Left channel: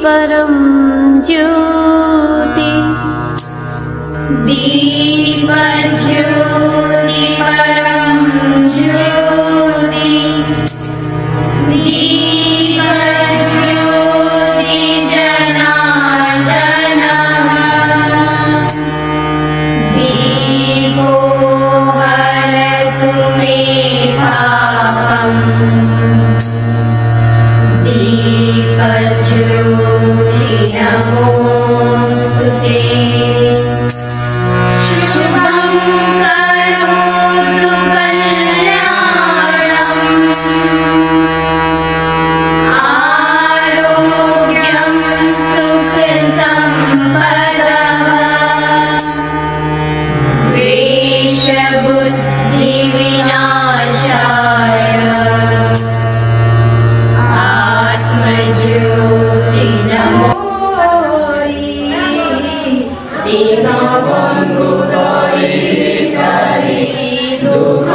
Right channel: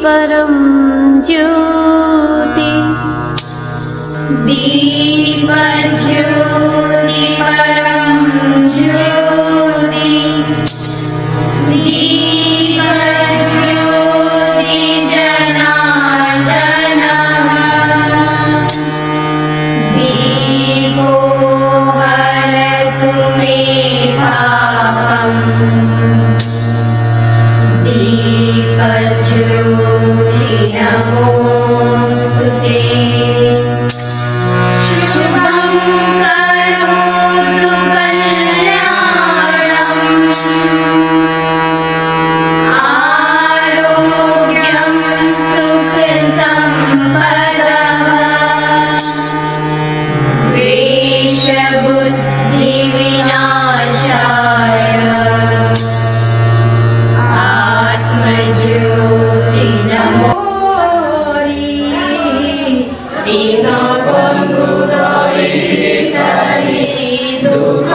परम ज्योति दीपज्योति परम ज्योति दीपज्योति जनार्दनः दीपो हरतु मे पापम् दीपज्योति नमोऽस्तुते शुभं करोतु कल्याणम् आरोग्यं सुखसम्पदः द्वेषबुद्धिविनाशाय आत्मज्योति नमो दीनबन्धु दरिद्री दुःख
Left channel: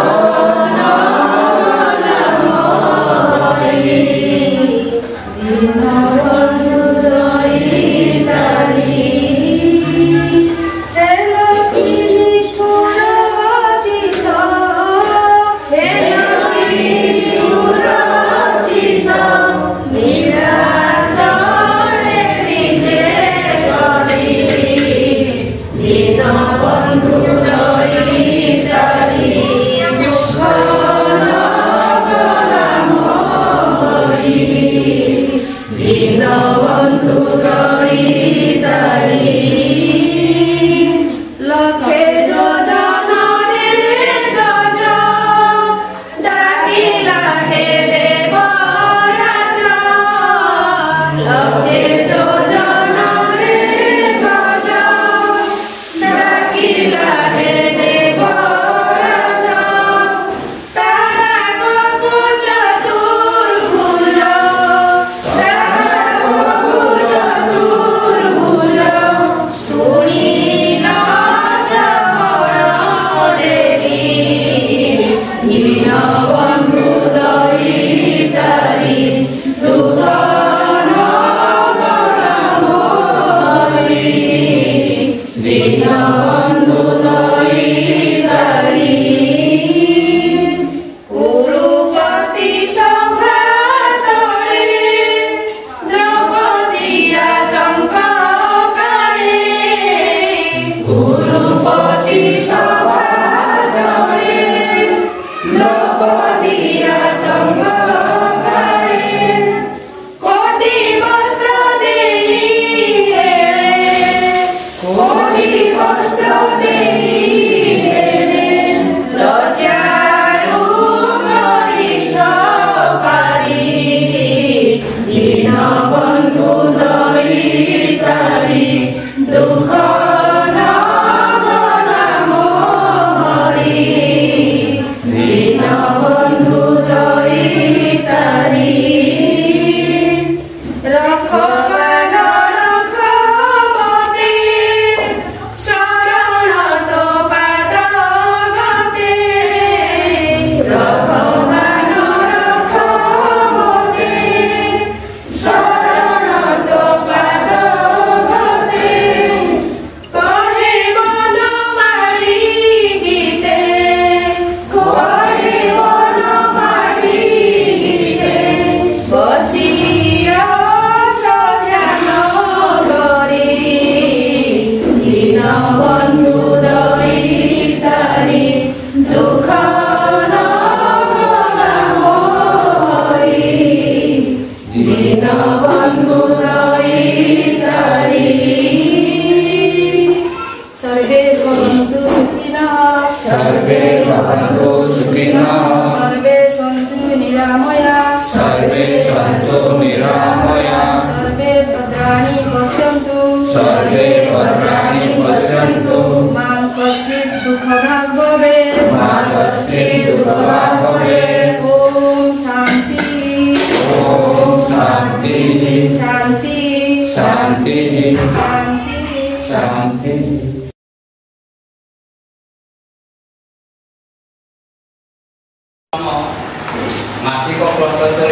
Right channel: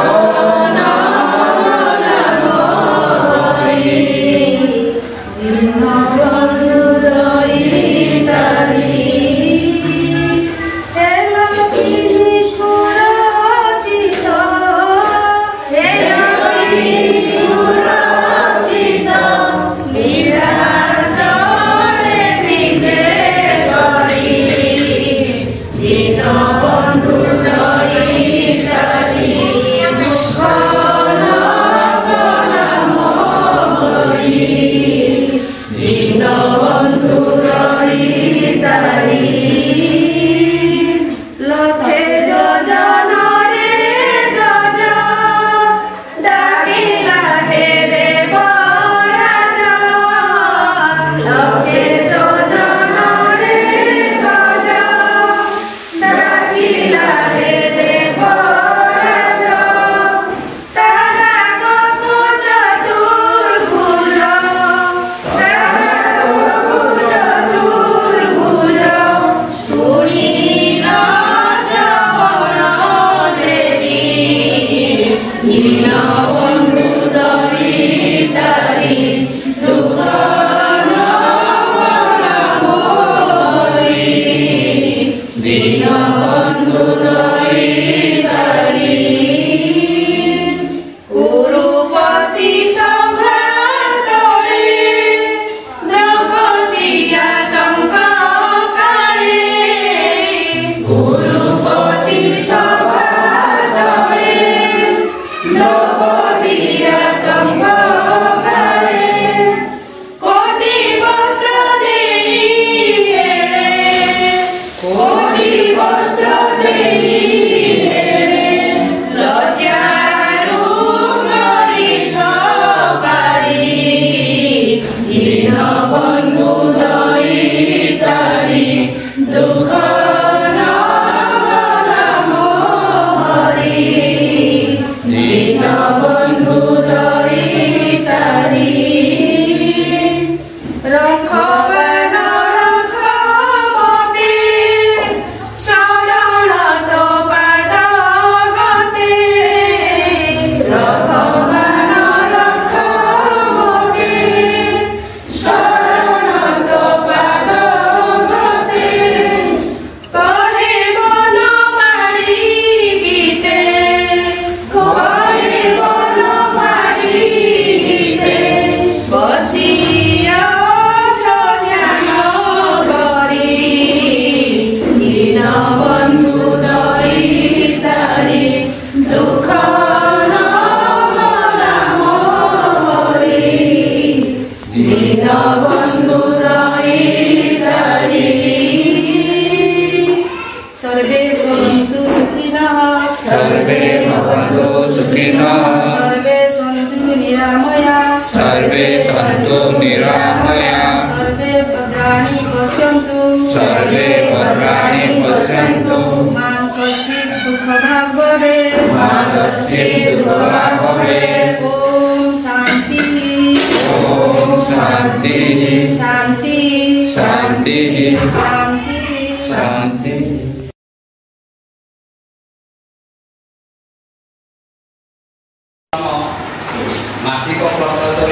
मासिक प्रश्नोत्तर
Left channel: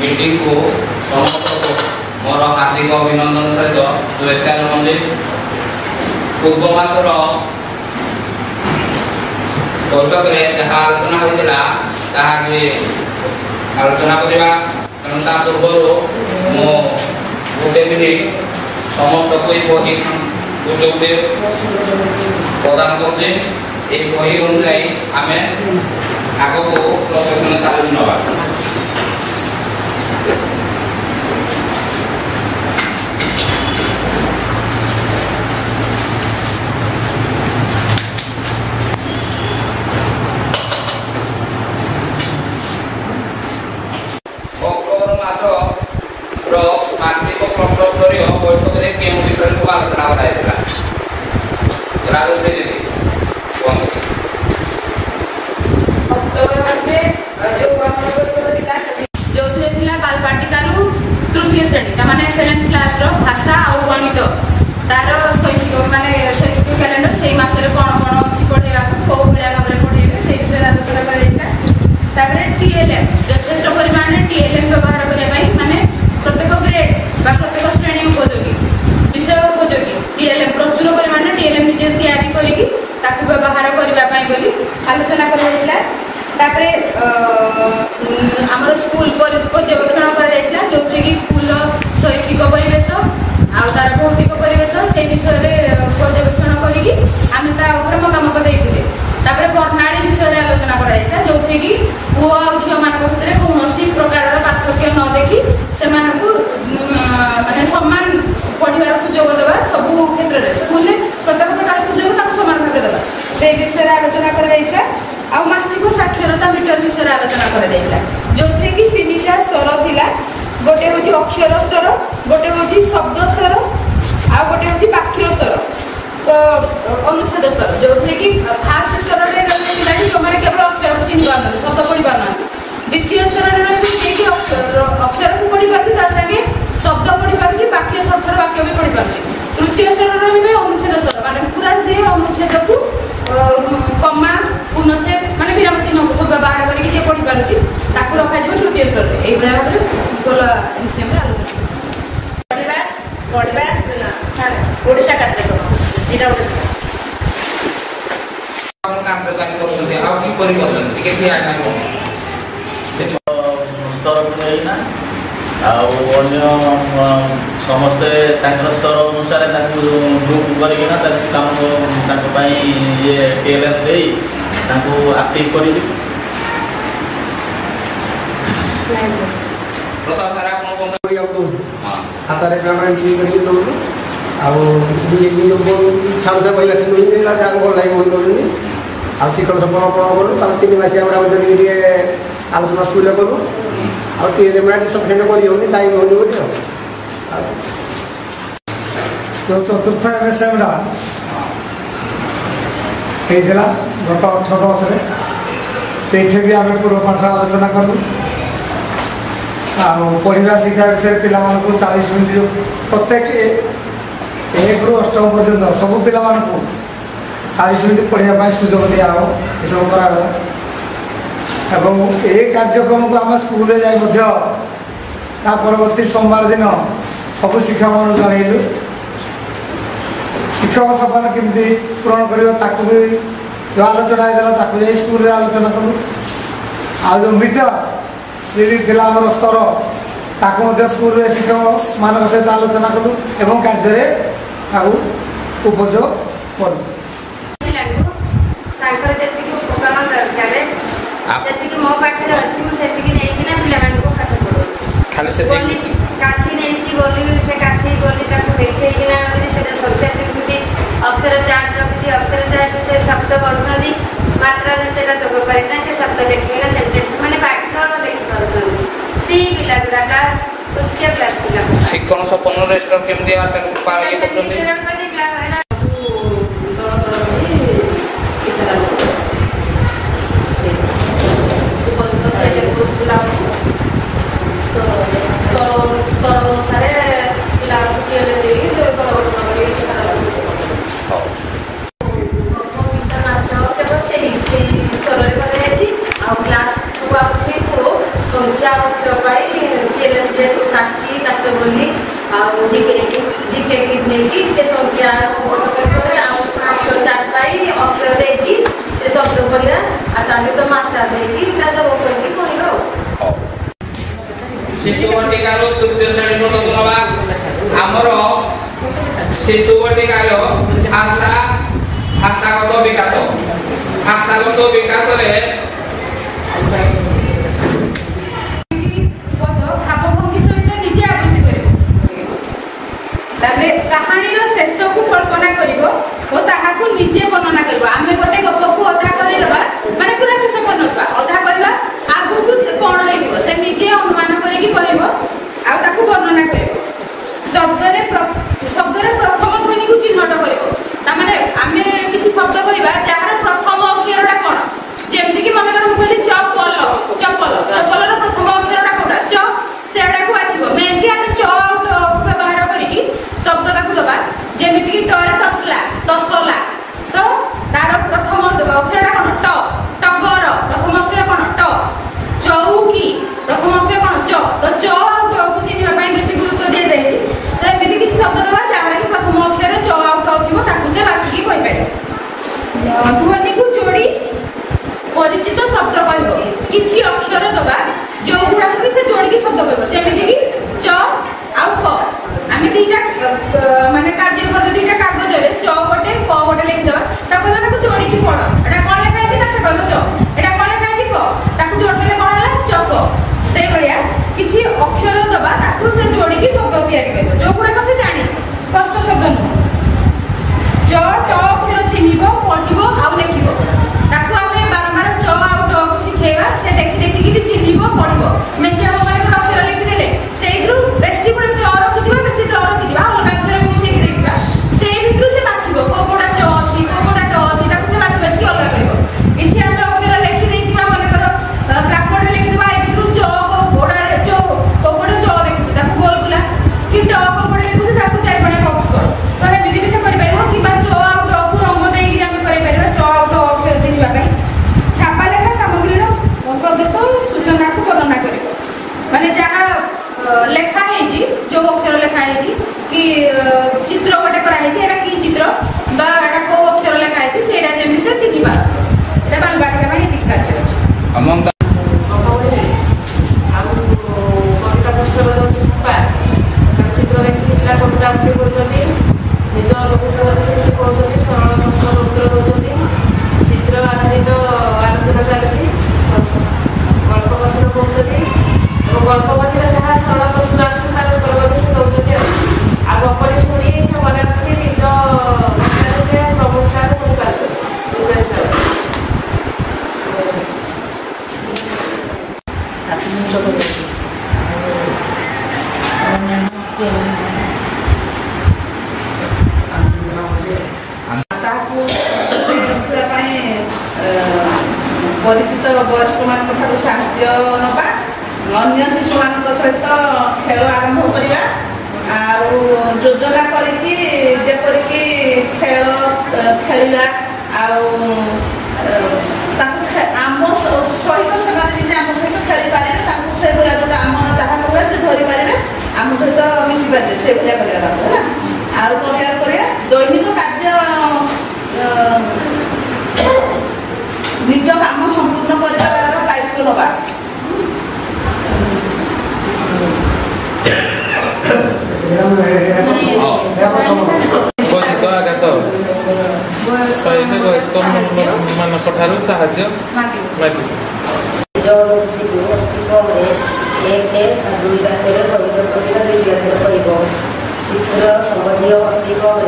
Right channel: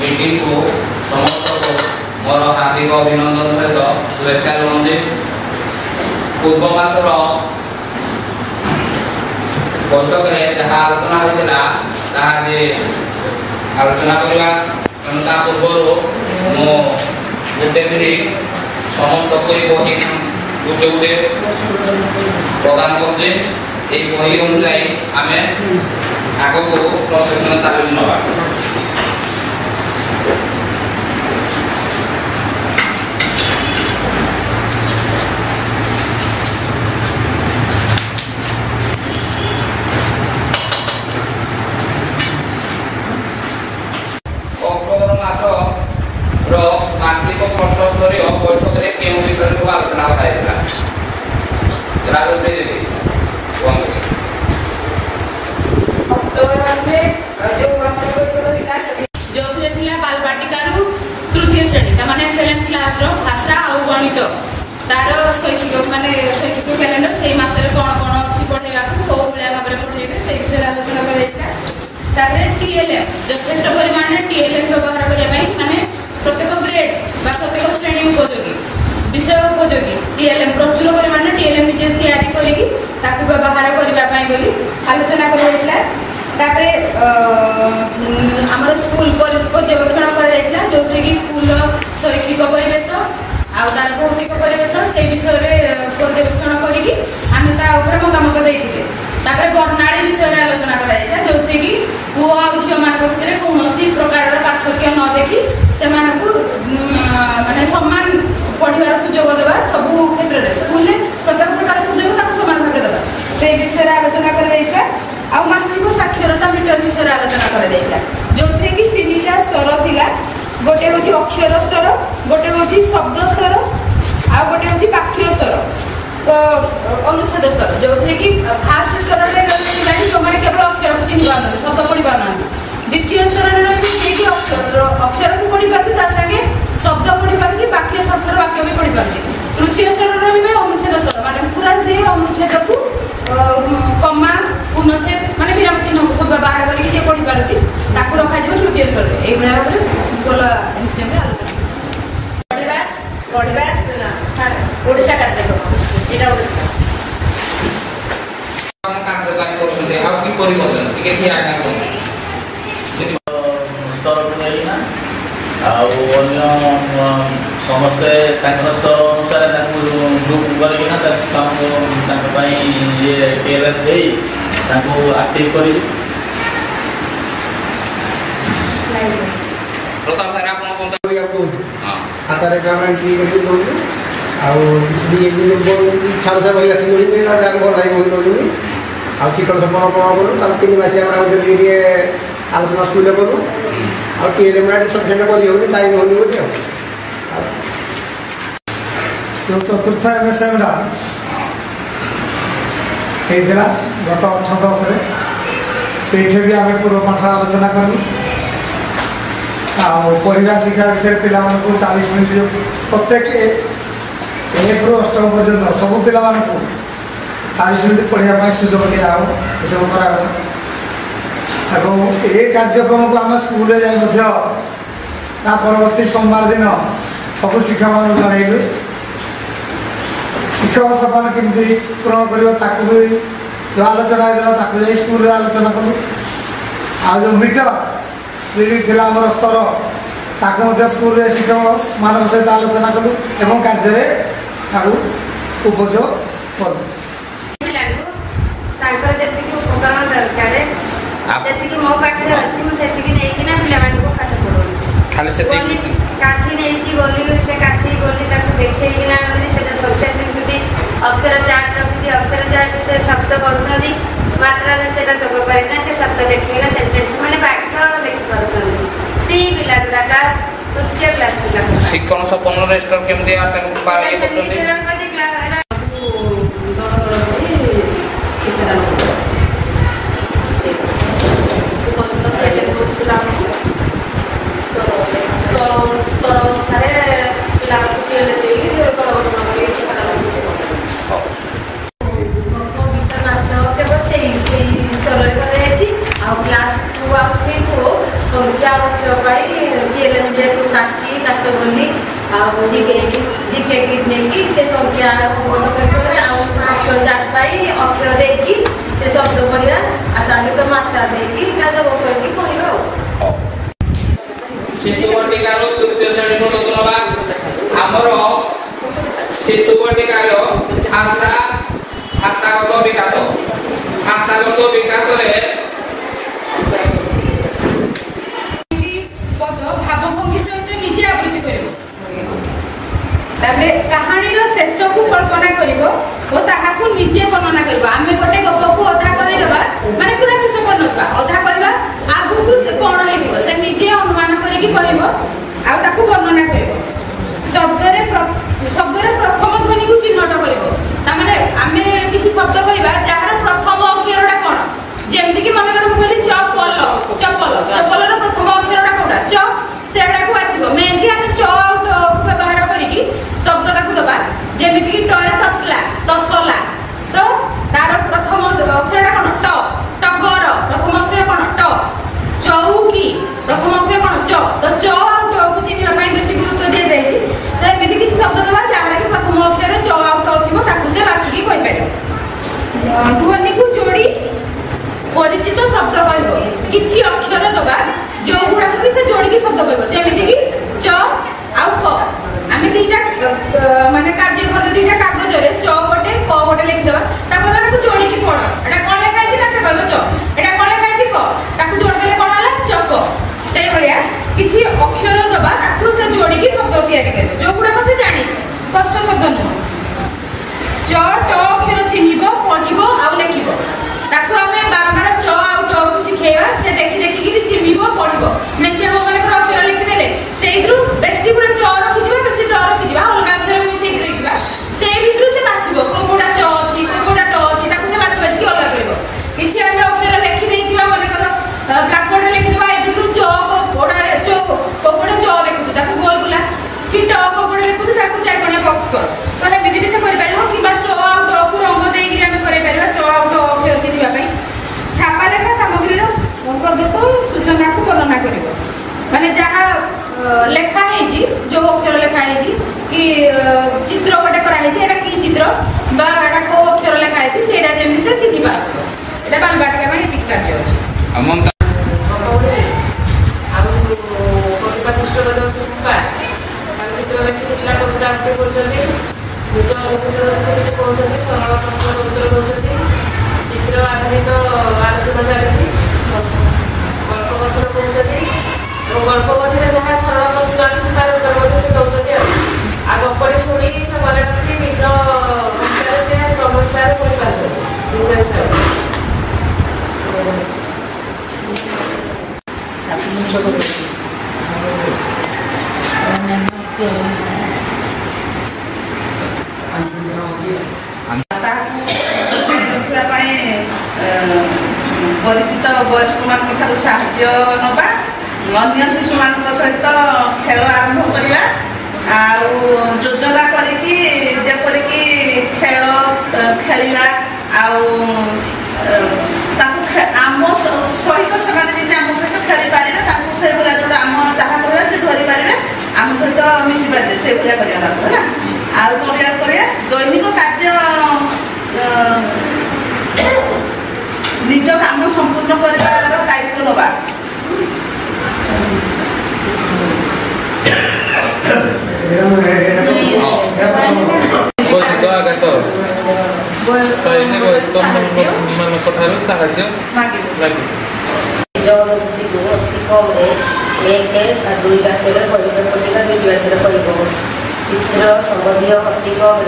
मीटिंग को समस्त मोर हार्दिक अभिनंदन सहित शुभेच्छा जनाऊँगी। पूर्व मासर बैठक में जहाँ आलोचना होता आलोचना करवा तेणु ता पूर्व मो गोटे मिनिट समस्त कोई बही गोटे गोटे प्रदान करते बही अनुजाई आम आग को प्रशिक्षण तालीम नवा। मासिक प्रश्नोत्तरीय बैठक में केउं विषय को आलोचना कराइला राजश्री दीदी कौन अक्टोबर मासे जो जो थिला बालबाटिकारु तृतीय श्रेणी ता माने 7th क्लास रो भाषा आ गणित तार शैक्षिक माने शैक्षिक कैलेंडर से मास रे कोन कोन अछि पढेबा को को भलिया भाबरे पढेबे से विषय आलोचना कराइला। तारे टीएलएम यथेष्ट परिमाण में टीएलएम व्यवहार करिया पई माने प्रत्येक ग्रेड बा प्रत्येक श्रेणी उपयोगी विषय उपयोगी टीएलएम प्रचुर परिमाण में टीएलएम निजे तैयारी करिकी ताकू व्यवहार करबा पई बोली आलोचना कराइला। तापरे हमर स्कूल पर्यवेक्षण करा जाइला जोथि कि स्कूल शैक्षिक परिवेश आ तार भौतिक परिवेश से विषय रे पर्यवेक्षण करिकी आमे ता ऊपर मतामत देइथिले। तापरे वर्णाली विषय रे आलोचना करा जाइला जोथि कि पुओ आ झियो मान भितर कोनोसी प्रकार रा पार्थक्य न देखि सेमानकु माने सम्मान पढिबार सुযোগ देबा सब क्षेत्र रे स्कूल रे प्रत्येक प्रकार सुযোଗ ताकु समान भाबरे देबा से विषय रे आलोचना करा जाइला। आ मासिक साक्षरता मीटर विषय आलोचना करा जाइला जोथि कि तीनटा स्तर थिला गोटे होची अक्षर स्तर गोटे होची शब्द स्तर आ गोटे होची वाक्य स्तर तो अनुच्छेद स्तर जोथि कि फास्ट स्तर रे रहिला कि जोमाने केवल अक्षर को चिनि पारना शब्द पढि पारना द्वितीय स्तर रे रहि कि अक्षर को पढि पारछि ता संगे शब्द पढि पारछि वाक्य शब्द वाक्य भी पढि पारछि। तृतीय स्तर रे रहिबे अनुच्छेद स्तर माने पूरा जे अनुच्छेद को कमा पूर्णच्छेद माने विराम चिन्ह को सब व्यवहार करके जे पढि पारुछि ताकू रखा जिवो तृतीय स्तर रे एई बला भाबरे गोला विषय में आलोचना पढिबा ओडिसा कार्यक्रम एटा हम काम प्रदान करछन्ते आ कि परिवर्तन टिके कि आटा को स्तर नेइना अन्य समस्ते स्तर अनुसार ग्रुप करना काम ये टेलर दे एक्टिव कर खातार एंट्री कर दौर इच्छा अनुसार बही आसी दौर भल लगे बही दौर आ शिक्षण सपन करूँ 3 मासिया गुड़ा आलोचना स्कूल करूँ आगे सफिसीयंट कर टाइम होनी बोली जो चतुर्थ एमएसएमटा होता गत 8-10 से भी आम पूर्व पाठ आलोचना करूँ पढ़ा शिक्षा विषय पिला 40 मिनट प्रत्येक 1 ରୁ 8 पर्यंत सब पिला 40 मिनट पढ़ाई सुजोग दिया सब करागला एवं ये कार्यक्रम को आम स्कूल जा परवर्ती सोमवार दिन सब शिक्षक मान जनइलु शिक्षक सफल केमती पूरण कर भी जो आलोचना होता जा स्कूल आलोचना करूँ आ जो मीटर जी आम स्तर ताकू स्कूल शिक्षक मान सहित आलोचना करूँ एवं कार्य उपयोग करूँ मो पाखे अच्छी मुझे पाठ काठी नहीं गली से काठी गली देखे संख्या शिखुची अक्षर चार्ट रखी अक्षर चार्ट से शब्द कर मात्रा से जोग करना से शब्द लिखना सेंटेंस मैंने वाक्य लिखिपार से पिला गुड़ा क्लास 5th क्लास पिला शिक्षण सपन रेस्टर केमती क्लास 2 শিশু বটিকার ভাষাগত বিকাশ বিকাশরে ভাবভঙ্গি সহিত নিজে আবৃত্তি করব তারপরে কাহাণীর শেষকু কল্পনা করব ও তাহাকু নিজে বর্ণনা করব আমি গোটে গপকু অধা করিদেবা মানে পুরা শেষ করনবা অধা করিবা আগুকু সে কোন হইব সে নিজে অনুমান করিকি কহিব আর তাকু বর্ণনা করব শব্দরে প্রথম ধ্বনিকু চিহ্নট করব তার মানে আমি কিছু শব্দ করিবা যাହାର প্রথম অক্ষরটা কোন যেমতি কি মনে কর মু কইলি চপল চপলর প্রথম অক্ষরটা কোনটা চ সেটাকু আসিব মেনলি আমি চ ব্যবহার করিকি শব্দটাকু দেবা যেমিতি কি টরে টসলা তো তার প্রথম অক্ষরটা কোন ট টগর প্রথম অক্ষর কোন ট চৌকি প্রথম অক্ষর কোন চ তো চ আর ট কু চিহ্নিবা ପାଇଁ বেশি গুরুত্ব দিয়া যাইছি তো এমিতি কিছু শব্দ দেবা যাହାର কি প্রথম অক্ষরে চ আর ট থিব তাকু সে বাছিকি কই পারিব ধ্বনিকু जोड़ी परिचित शब्द कहब किछि अक्षर दबा जो गुड़ा कि से जोड़ी की शब्द कहब जेमिति कि च आउ क आमे दीटा माने कार्य पद्धति दीटा कागज रे च गोटे क गोटे लिखि देबा ताको माने को जोड़ी की पढ एटा कोन लेखा है ना से कहब च एटा कोन लेखा है क ताको जोड़ देले कोन होला चक से बढिया किछि अक्षर दबा ताको से जोड़ी की शब्द तैयारी करब जो गुड़ा को से जानि कष्ट शब्द न च ट अक्षर चिन्हिब पढिब आउ लिखिब ताकू आमे बारंबार च आउ ट को सिखेवा से देखि कि चिन्हिब पढिब मेचे हो माने अक्षर लिखि देले सेइद्रु बेसी गुडा च रखिदिबा बेसी ट रखिदिबा अलगा अक्षर मिसेइ देखिबा सेइ भितरु से बाछिबो कोकोडा च अछि कोकोडा ट अछि ताकू से बाछि बाछि अलगा करबो किछि आमे अक्षर लिखि देइथिबा माने ब्लैक बोर्ड रे लिखि देबा ए भितरु च कोकोडा रे च कोकोडा च देखु ताकू गोल बुला कि ट कोकोडा लिखु ताकू चार कोणिया बॉक्स करो तो हे विधि भी से करि परिबो कि बा च आउ ट को रंग देइ कि आमे करि परिबा च आउ ट अक्षर चिन्हिबा पई छापा लेखा सामग्री रो प्रदत्त सूचना को वर्णना करिबो माने जहा लेखा है जी जो अक्षर लेखा है जी कि चित्र गोटे करा है जी एटा की चित्र बा एटा को अक्षर लेखा है जी सेटा जेमि से चिन्हिबा एटा बालबाटिका में हित कार्य अछि अमन अबौले आउ कविता पुस्तक जाउछि छापा चित्र लेखि पिला कविता आरंभ करछथि निज अनुभूति से किछ कहउछथि सरल प्रश्न उत्तर दउछथि चित्र आधारित आलोचना चलछि गल्प कथन कहउछथि और गल्प कथन जहाँ सरल प्रश्न आसुछि तार उत्तर भी से दउछथि आ गपरे शुणी से मने रखि निज भाषा से प्रभावशाली होई पाछो निज हिसाब परिचित वयस्क मान साहाଯ୍ୟ नवा अन्य शिशु मान सहित खेल आरंभ करवा योजना करिकी जेपरिकी खेल खेलिला आम सहित से आम सहित खेली पारे से भाया जो आम जहाँ करवा से धरी पारे आम सहित मिशि पारे से भाया करवा दैनिक कार्य निज काम संपूर्ण कर दायित्व नवा चित्र संबंधी अति कम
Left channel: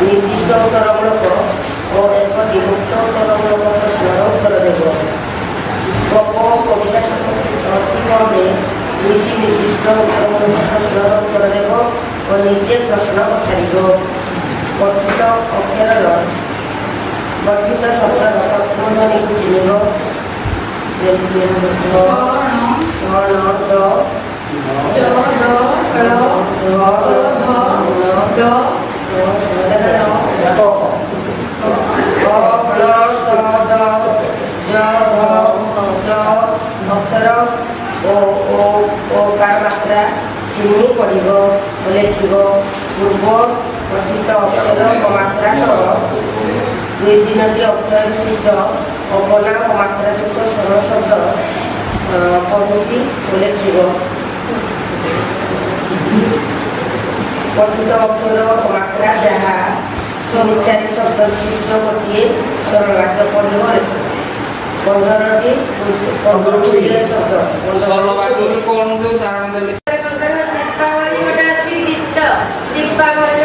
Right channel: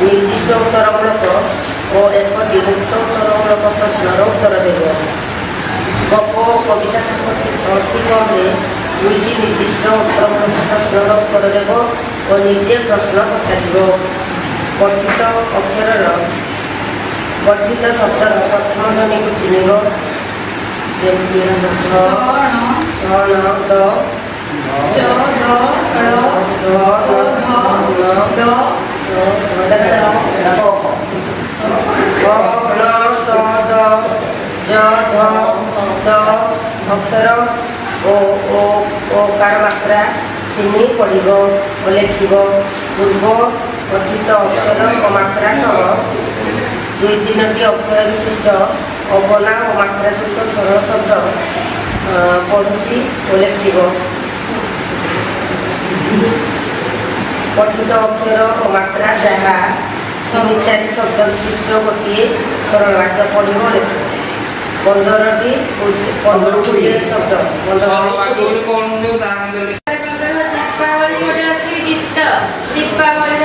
निर्दिष्ट उत्तरमूलक और एक विमुक्त उत्तरमूलक प्रश्नर उत्तर देव गप कविता अति कम दुईटी निर्दिष्ट उत्तरमूलक प्रश्नर उत्तर देव और निजे प्रश्न पचार गठित अक्षर गठित शब्दर प्रथम ध्वनि को चिन्ह अक्षर मात्रा चिन्ह पढ़ लिख पूर्व गठित अक्षर मात्रा सह दुई तीनटी अक्षर विशिष्ट अबना और मात्रायुक्त सरल शब्द पढ़ुची और लिख पठित अक्षर मात्रा जहाँ समिचारी शब्द विशिष्ट गोटे सरल वाक्य पढ़व लिख 15 शब्द दीपावली गोटे अच्छी गीत दीपावली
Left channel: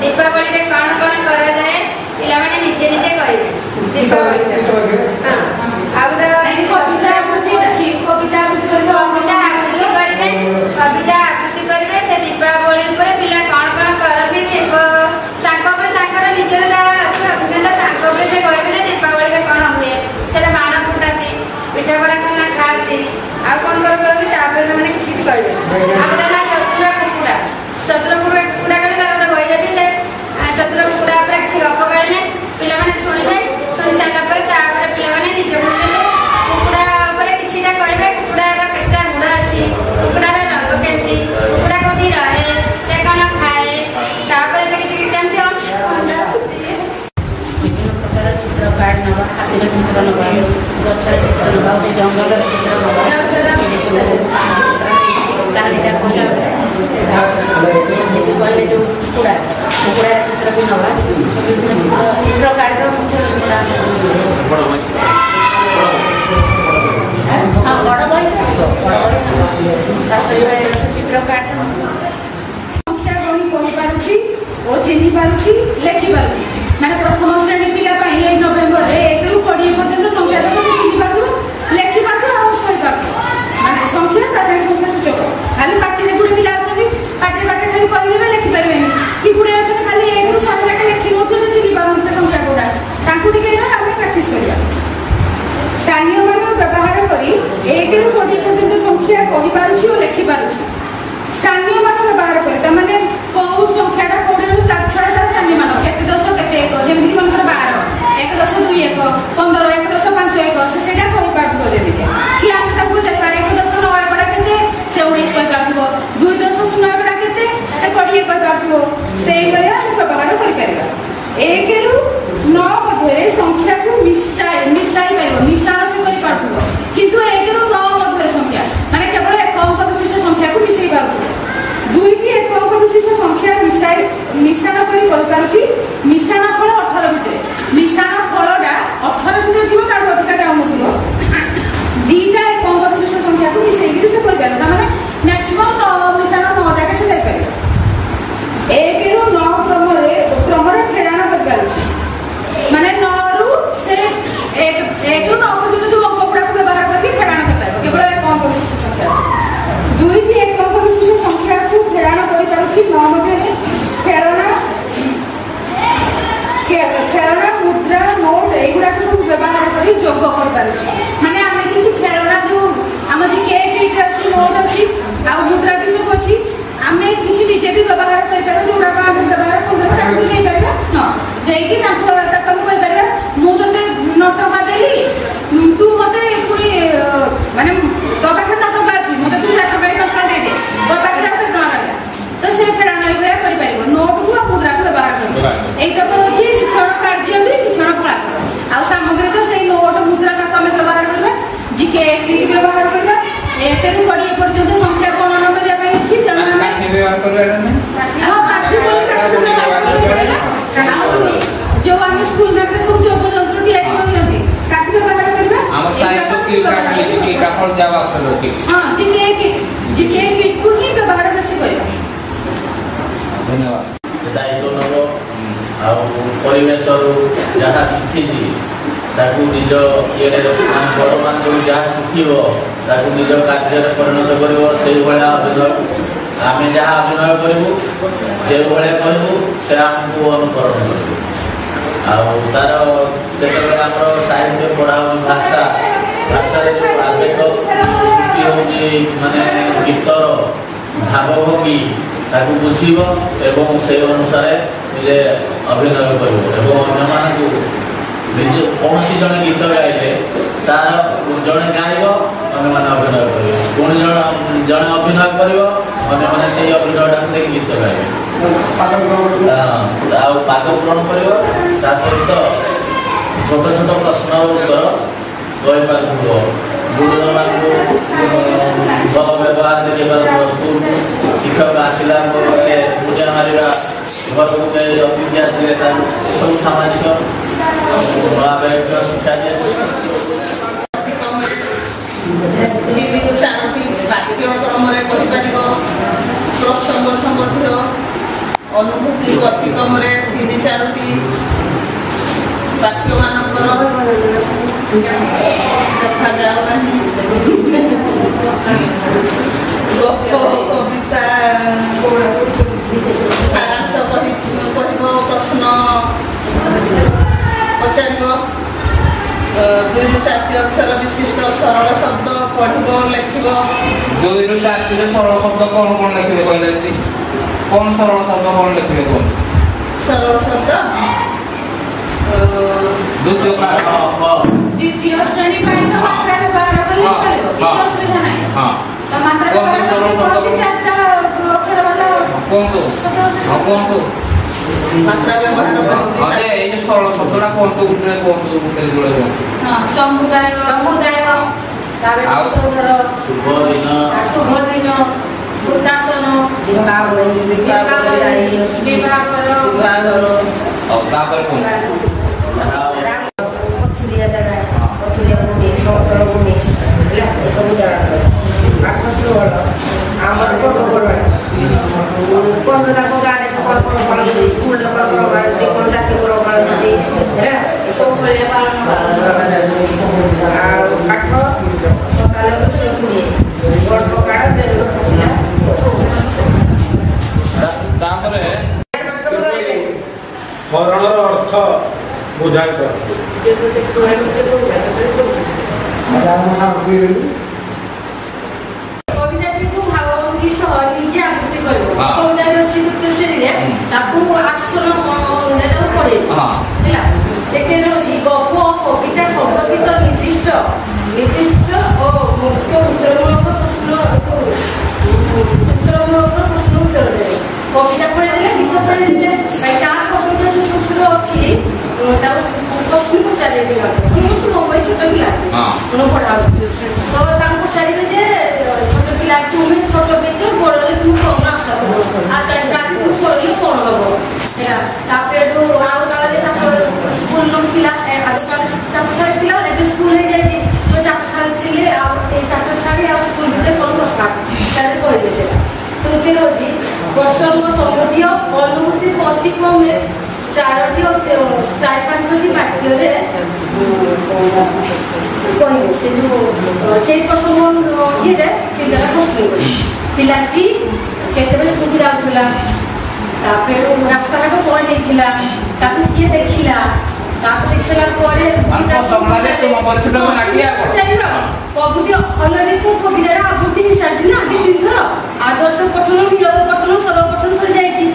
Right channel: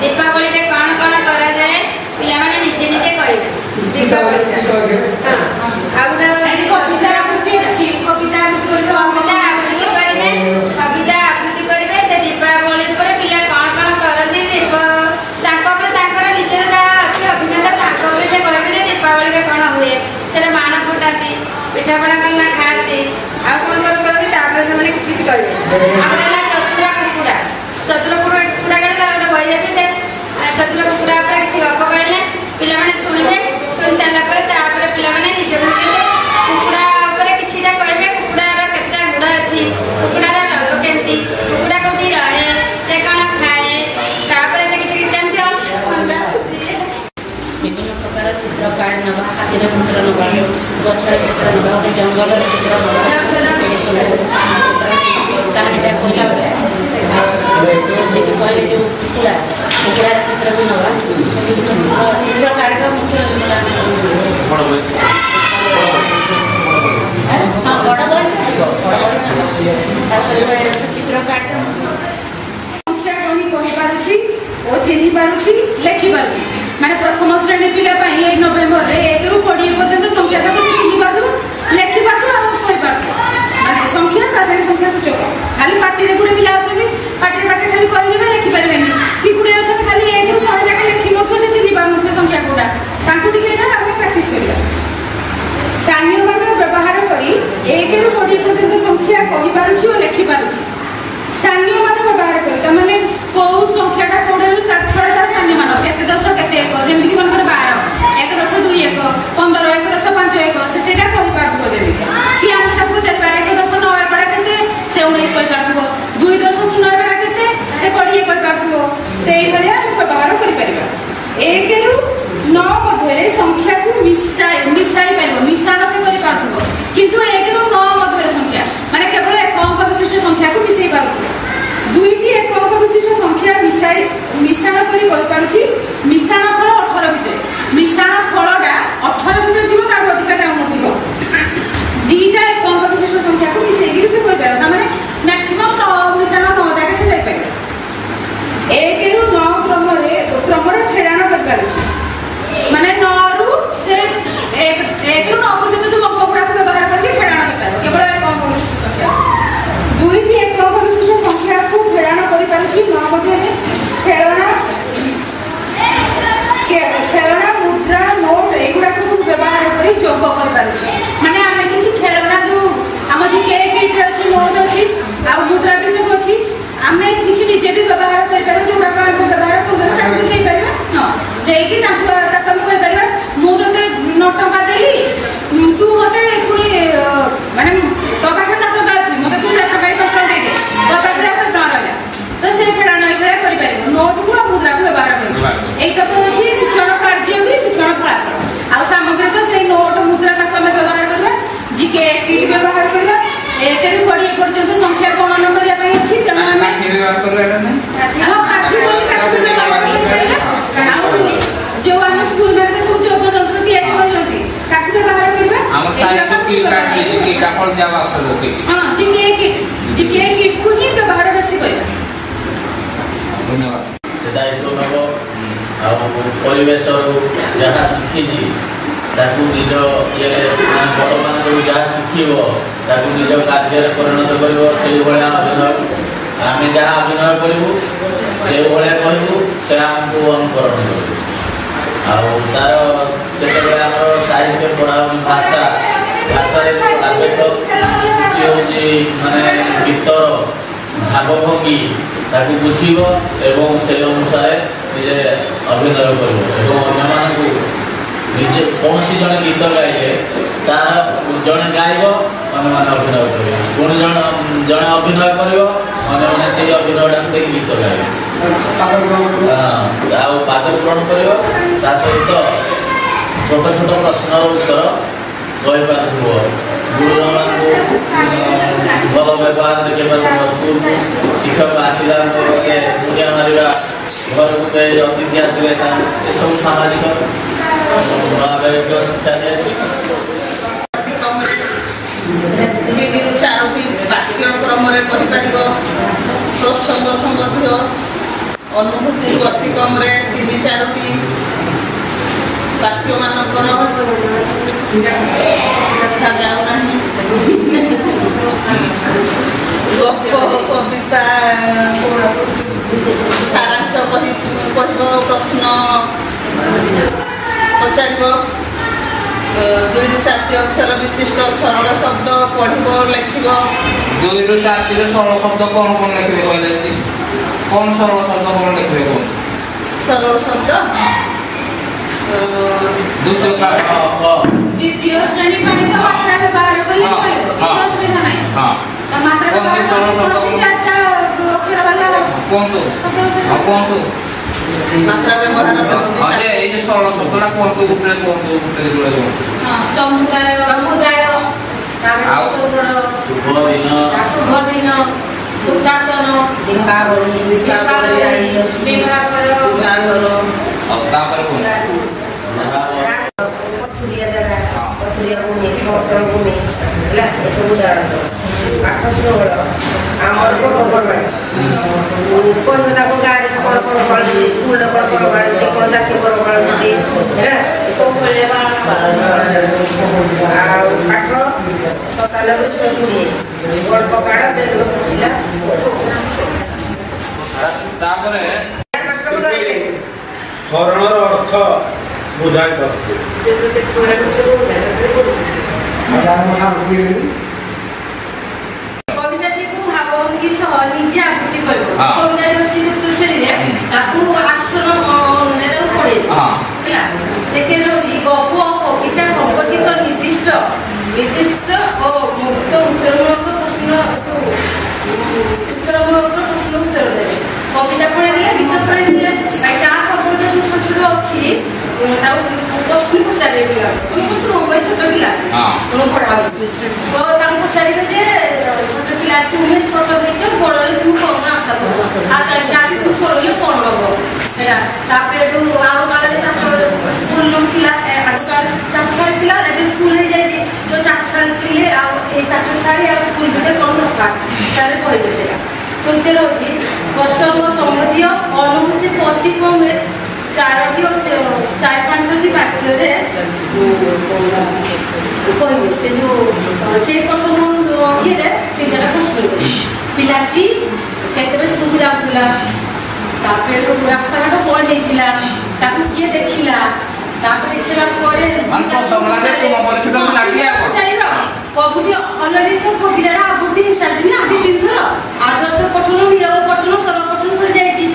दीपावली कौन कौन करा जाए पिला माने निजे निजे करेंगे दीपावली कविता आबृत्ति करेंगे से दीपावली पिला कौन कौन करती निजर जहाँ अच्छे अभिज्ञता से कहते दीपावली कौन हुए से बाण फुटाती पिठापड़ा करना खाती आउ कौन कौन करती से किसी कहे आगे चतुर कुकुड़ा कहे गोटे बही अच्छी से चतुर कुकुड़ा किसी गप कहले पिला शुणे शुणी सारापर पिला निज से कुकुड़ा किसी कहे कुकुड़ार केतटा गुड़ अच्छी कुकुड़ार रंग केमती कुकुड़ा कौटी रहे से कौन खाए से किसी विभिन्न प्रकार चित्र कार्ड नवा हाथीर चित्र नवा गछर चित्र नवा जंगल चित्र नवा कहानीटा कहले जो कुकुड़ार चित्र भी नवा विभिन्न चित्र कार्ड मुख्य हाँ बड़ बही चित्र कार्ड संख्या गणी कहि पारुछि ओ चिन्हि पारुछि लेखि पारुछि माने प्रथम श्रेणी पिला नवेम्बर 1 रु 20 पर्यंत संख्या का चिन्हि पारथिबो लेखि पारथिबो आ कहि पारथिबो माने संख्या ता से संख्या सूचक खाली पार्टी रे गुडे पिला अछथि पार्टी खाली करिले लेखि पारबेनी कि गुडे अछथि खाली 1 रु 100 जाके लेखि नथु से चिन्हि पारनथि संख्या कोडा तांकु टिके एटा हम प्रैक्टिस करिया स्थानीय मान व्यवहार करी 1 रु 20 पर्यंत संख्या कहि पारुछि ओ लेखि पारुछि स्थानीय मान व्यवहार करी त माने को संख्याटा कोडे रु छटा स्थानीय मान केते 10 केते 1 जेमिति मनकर 12 1 10 2 1 15 1 10 5 1 से सेटा कहि पारथो जेमिति कि हम ताकू चल 1 10 9 एकडा केते से 19 कहि पारथो 2 10 0 एकडा केते से 20 कहि पारथो सेही बले हम व्यवहार करि परिबा 1 रु 9 मध्ये संख्या को मिसाई पाइबो मिसाण से करि पारथो किंतु 1 रु 9 मध्ये संख्या माने केवल एक अंक विशिष्ट संख्या को मिसई पारथो दुईटी एक अंक विशिष्ट संख्या मिश्रण करी पारुछि मिश्रण फल 18 भितर मिश्रण फलटा 18 भितर दिबो तार अधिका जाउन दिबो दीटा एक अंक विशिष्ट संख्या को मिसई से कहि पारो त माने मैक्सिमम 9 मिश्रण 9 जाके से जाय पारो 1 रु 9 क्रमरे फेराण कर पारुछि माने 9 रु से 1 रु 9 पर्यंत जो अंक गुडा को व्यवहार करके फेराण कर पारो केवल एक अंक विशिष्ट संख्या दुईटी एक अंक विशिष्ट संख्या को फेराण करि पारुछि 9 मध्ये खेलना मुद्रा नोट एगुड़ा सब व्यवहार करी जोग कर पारुछि माने आमे किछि खेलना जो हम जे के किट अछि नोट अछि आ मुद्रा भी सब अछि आमे किछि निजे भी व्यवहार कर पारो जोड़ा का हम व्यवहार कर ताकू जे परबा न जेकी ताकू ताकू कहि परबा मु तते नोट टका देली तू मते पुनी माने तो पाखे नोट टका अछि मते तू 4 टका 5 टका दे दे तो पाखे तो न रहला तो से फेराण एबे करि परबो नोट को मुद्रा को व्यवहार कर एक तो अछि शिक्षण कार्य भी शिक्षण फलाफल आ सामग्री तो से नोट मुद्रा का हम व्यवहार करबा जीके किट व्यवहार करबा एतेरु 20 पर्यंत संख्या गणना करिया पई अछि तने माने व्यवहार करबा नै हां काठी बोली जो हम स्कूल में सब जोग जंत्र तैयारी करजंती काठी व्यवहार करबा हम साइड किट का फल जावा सब हां जीके किट को ही व्यवहार बेसी करबा धन्यवाद दायित्व नब परिवेश जहाँ शिखी ताकू निज ये बड़ मान जहाँ शिखब ताकू निज कार्य परिणत कर अभिनय आम जहाँ अभिनय करूँ जो भाया कहूँ से आमको अनुकरण करूँ तार केतबे आम साहित्य पढ़ा भाषा भाषा जो आवेग सृष्टि हो माने गीतर भावभंगी ताकू बुझीब एवं से अनुसार निजे अभिनय कर निजे कौन जड़े गीत गाइले तार जड़े गायब अन्य अभिनय कर पुणी जड़े अभिनय कर से अभिनय देख गीत गाइबे पाद ग्रहण कर सहित छोट छोट प्रश्नर उत्तर ରହିପାରୁଥିବ ଗୁରୁଜନମାନଙ୍କୁ ଭଲ ବ୍ୟବହାର ଦେଖେଇ ପାରୁଥିବ ସ୍କୁଲକୁ ଶିକ୍ଷକ ଆସିଲା ପରେ ମୁଣ୍ଡିଆ ମାରିବା ଘରକୁ ଯାଇ ଅତିଥି ଆସିଲେ ଏସବୁ ସାମାଜିକ ଆବେଗିକ ଶିକ୍ଷା ଦିଆଯାଏ। ତିନିରୁ ଚାରୋଟି ପାଠ୍ୟକ୍ରମରେ କହିପାରିବ ପ୍ରସଙ୍ଗ ସମ୍ବନ୍ଧୀୟ ଅନୁଭୂତିରୁ ଅତି କମରେ 3-4ଟି ବାକ୍ୟମାନଙ୍କର ଦେଖାଯାଉନାହିଁ। ଗପ କବିତା ସାରାଂଶ କହିବ ପ୍ରଶ୍ନ ପଚାରିବ 2ରୁ 4ଟି ଅକ୍ଷର ବିଶିଷ୍ଟ ସରଳ ଶବ୍ଦ ପଢିବ ଲେଖିବ। 2ରୁ 4ଟି ସରଳ ଶବ୍ଦ କଣ କଣ ଲେଖିବେ କହିଲେ କଣ ସରଳ ଶବ୍ଦ କଣ ଲେଖିବେ କଣ ସରଳ ଶବ୍ଦ ଦ୍ୱିତୀୟ ଶ୍ରେଣୀ ପାଇଁ ତ ମାତ୍ରା ବ୍ୟବହାର କଲେ ଚଳିବ କିଛି ଅସୁବିଧା ନାହିଁ। ତ ମାତ୍ରା ବ୍ୟବହାର କଲେ 4ଟା ଅକ୍ଷର ବାଲା କୁହନ୍ତୁ କୁହନ୍ତୁ ମାତ୍ରା ବ୍ୟବହାର ଆରେ ଏଇ ସରଳ ଶବ୍ଦଟା କୁହନ୍ତୁ ଗୋଟେ କୁହନ୍ତୁ ସମୁଦାୟ ଶୁଭ ଦିନ ଦୁର୍ଗାସନ ବିବାହର ତାପରେ ପଥୁରିଆ ଜାଗା ପଥୁରିଆ ଭୂମି ସମତଳ ଭୂମି ହେଲା ଏସବୁ ଜାଗା ପାଠ ଶୃଙ୍ଖଳ ଆମର ପର୍ବପର୍ବାଣି କହିବେ ତାକୁ ଗାଁରେ ସେ କ'ଣ କ'ଣ ପାଳନ୍ତି ସ୍କୁଲରେ କ'ଣ କ'ଣ ପାଳନ୍ତି କ'ଣ ଜାତୀୟ ପର୍ବ ପାଳନ୍ତି ହେଲା ଏସବୁ ଭଳିଆ ପାଳନ ଆଉ ପାଠ ସକାଳ 20 ବଡ଼ ପକାଡ଼ ବେଲ ଫୁଟିଲା ତାପରେ ହରଣର ଅର୍ଥ ବୁଝାଇ ପାରୁଛୁ। କବିତାଟିକୁ ଭାବଭଙ୍ଗୀ ସହ ନିଜେ ଆବୃତ୍ତି କରିବ। କବିତାଟି ଅଛି ଦ୍ୱିତୀୟ ଶ୍ରେଣୀରେ ତାକୁ ଆସନ ପଢେଇବ ହେଲା। ସେକେଣ୍ଡ ହଉଛି ଗପ କବିତା ସମ୍ପର୍କିତ ନିର୍ଦ୍ଦିଷ୍ଟ ଓ ମୁକ୍ତ ଉତ୍ତରମୂଳକ ପ୍ରଶ୍ନ ଉତ୍ତର ଦେବେ। କବିତା ପଢେଇଲେ ଗୀତ ପଢେଇଲେ ତା ସବୁ ଛୋଟ ଅଛି ତାକୁ ପ୍ରଶ୍ନ ପଚାରିବେ ପିଲା ଛୋଟ ପିଲା ପଢା ତ ତାଙ୍କୁ ପଚାରିବେ ଯେ ଛୋଟ ପିଲା ତୁମେ ଛୋଟ ହେଇଛ ବଡ ହେଲେ ତୁମେ କଣ ଆଶା କର ଆଜି ତୁ ପଢିଲେ କଣ ହବ ହେଲା। ତାପରେ ଏଠୁ ଆଉ ଗାଁରେ ସ୍କୁଲ ନଥିଲା ଚାରିଟା ଥିଲା ଏବେ ସ୍କୁଲ ହେଇଯାଇଛି ତ ଚାରିଟା ଥିଲେ ଆଉ ଏଇ ଚାରିଟା ଶାଢ଼ୀ ଆଉ ସ୍କୁଲ ଭିତରେ କଣ ଦରକାର ତାହେଲେ କହିବେ ସେଇଟା। ତୃତୀୟ ହଉଛି ପ୍ରସଙ୍ଗ ସମ୍ବନ୍ଧୀୟ ଅନୁଭୂତିକୁ ଅତି କମରେ 4-5ଟି ବାକ୍ୟରେ କହିବେ। ସେ ଯୋଉ ସେଇ ପ୍ରସଙ୍ଗ ଇଏରେ 3ଟା ପ୍ରଶ୍ନ ପିଲାଟି କେତେବେଳେ ସ୍କୁଲ ଯାଉଥିଲା ତାପରେ ରାସ୍ତାଘାଟ କଣ ନେଇଥିଲା ତାକୁ କିଏ ଦେଖିଲା ତାପରେ ଦେଖିଲା ପରେ କବିଟି ଅଲରେଡି ତ କବିତାଟା ଆବୃତ୍ତି ହେଇସାରିଛି ନା 2-3 ଥର ଆଦର୍ଶ ପଠନ ନିରବ ପଠନ ସରଳ ପଠନ ସରିଯାଇଛି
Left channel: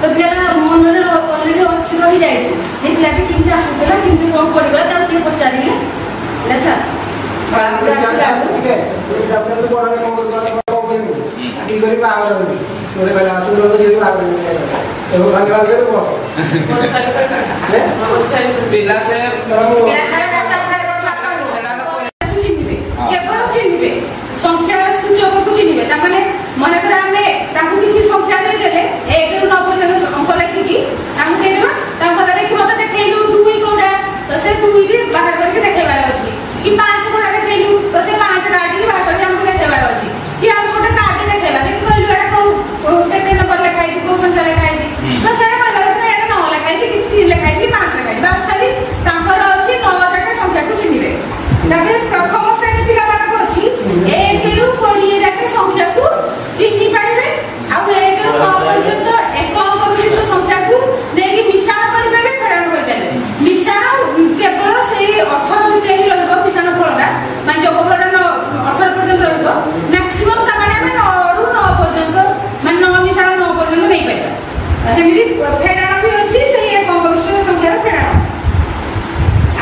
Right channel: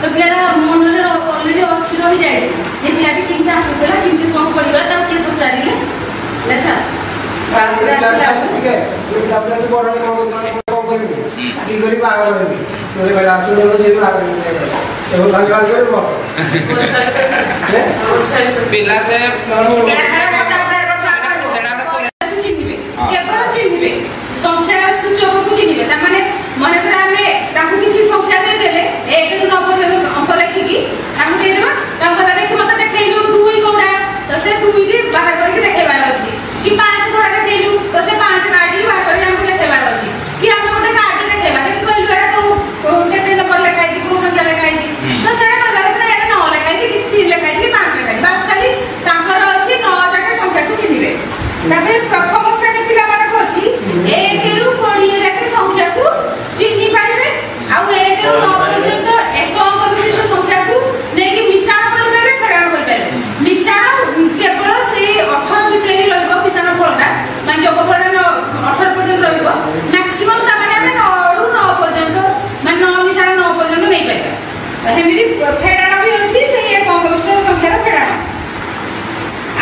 ତ ପିଲାଟା ମନରେ ଅଲରେଡି ଅଛି ରହିଯାଇଛି ଯେ ପିଲାଟି କେମିତି ଆସୁଥିଲା କେମିତି କଣ ପଡିଗଲା ତାକୁ କିଏ ପଚାରିଲେ ଲେଖା ତାପରେ ଆସିଲା ପିଲା ସେ କେବଳ ଚିହ୍ନିବେ ସଂଖ୍ୟା ସୂଚକକୁ ଚିହ୍ନିବେ। ତାମାନେ ମନେକର ଆମେ ତାଙ୍କୁ କିଛି ସଂଖ୍ୟା ଦେଇଦେଲେ 1ରୁ 9 ପର୍ଯ୍ୟନ୍ତ ଅଙ୍କ ଲେଖିକି ତାଙ୍କୁ ଦେଇଦେବା ତାଙ୍କୁ କହିବା ଦେଖି ମତେ ଦେଖେଇଲୁ 2 କୋଉଟା ତ ସେ 2ଟି ବାହାର କରିକି ଦେଖେଇବାର ଅଛି କି 5 କୋଉଟା ଦେଖେଇଲୁ ତ ସେ 5 କାର୍ଡଟି ବାହାର କରିକି ଆମକୁ ଦେଖେଇବାର ଅଛି କି ଆମେ ଗୋଟେ କାର୍ଡ ଦେଖେଇବା ଦେଖି କହିଲୁ ଏଟା କୋଉ କେତେ ନମ୍ବର ଲେଖା ହେଇଛି କୋଉ ସଂଖ୍ୟା ଲେଖା ହେଇଛି ତ ସେଇଟା କହିବାର ଅଛି ଏଟା 9 ଲେଖା ହେଇଛି କି 3 ଲେଖା ହେଇଛି କି 5 ଲେଖା ହେଇଛି ବାସ୍ ଖାଲି ତାଙ୍କର ଅଛି 9 ଯାକ ସଂଖ୍ୟାକୁ ଚିହ୍ନିବେ। ତାପରେ ପ୍ରଥମ ଶ୍ରେଣୀ ପିଲାମାନଙ୍କ ଅଛି 1ରୁ 20 ଯାକେ ସଂଖ୍ୟାକୁ ଚିହ୍ନି ପାରିବେ ଆଉ 1ରୁ 9 ପର୍ଯ୍ୟନ୍ତ ଏକ ଅଙ୍କ ବିଶିଷ୍ଟ ସଂଖ୍ୟାକୁ ନେଇକି ମିଶାଣ କରିପାରିବେ ଫେଡାଣ କରିପାରିବେ। ମିଶାଣ କେବଳ ସେଇ 18 ଭିତରେ ହିଁ ରହିବ ମିଶାଣ ଫଳଟା ମାନେ ଯୋଗ ଫଳଟା 18 ପର୍ଯ୍ୟନ୍ତ ରହିବ ମ୍ୟାକ୍ସିମମ୍ ତାମାନେ ଆମେ 9ରୁ 9 ପର୍ଯ୍ୟନ୍ତ ମାନେ 9 ମିଶାଣ 9 ପର୍ଯ୍ୟନ୍ତ ନେଇପାରିବା। ସେମିତି ଫେଡାଣ ବି ଅଛି ସେଇ ଏକ ଅଙ୍କ ବିଶିଷ୍ଟ ସଂଖ୍ୟାର ଫେଡାଣ।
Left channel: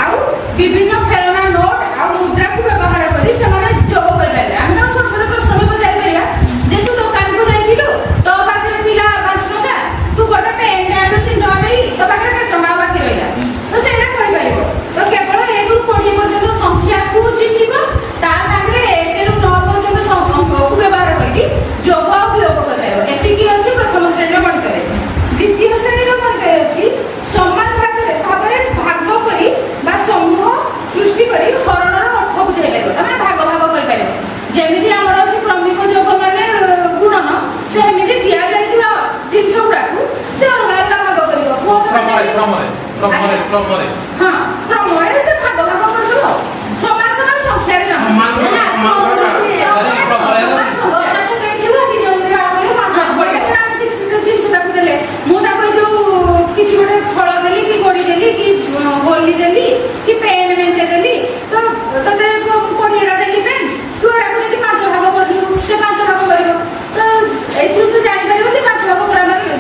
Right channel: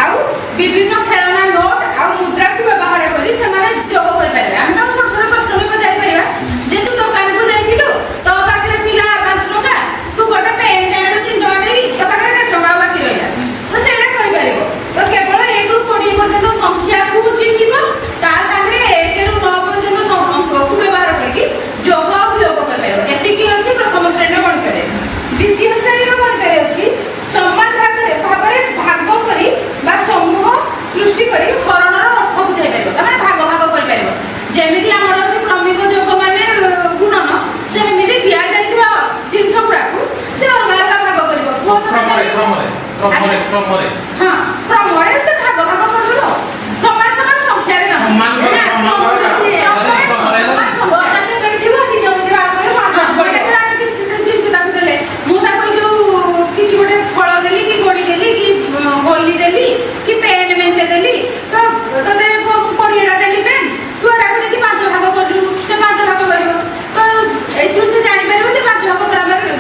ଆଉ ବିଭିନ୍ନ ଖେଳନା ନୋଟ ଆଉ ମୁଦ୍ରାକୁ ବ୍ୟବହାର କରି ସେମାନେ ଯୋଗ କରିପାରିବେ। ଆମେ ତାଙ୍କୁ ଛୋଟ ଛୋଟ ପ୍ରଶ୍ନ ବି ପଚାରି ପାରିବା ଯେ ତୁ ଦୋକାନକୁ ଯାଇଥିଲୁ ତୋ ପାଖରେ ଥିଲା 5 ଟଙ୍କା ତୁ ଗୋଟେ ପେନ୍ ଆଣିଲୁ 3 ଟଙ୍କା ଦେଇ ତୋ ପାଖରେ କେତେ ଟଙ୍କା ବାକି ରହିଲା ତ ସେଇଟା କହିପାରିବ। ତ କେବଳ 1ରୁ 20 ପର୍ଯ୍ୟନ୍ତ ସଂଖ୍ୟାକୁ क्रमरे से भाग भाग करलो समान समान संख्या रे होली देली कि पेन मेंचे देली तो तते कोड़ीटा देली पेन तू एटा को देखि पांच भाग करलु से पांच भाग करिवो तो एथु से जानि परबो जे पांच भाग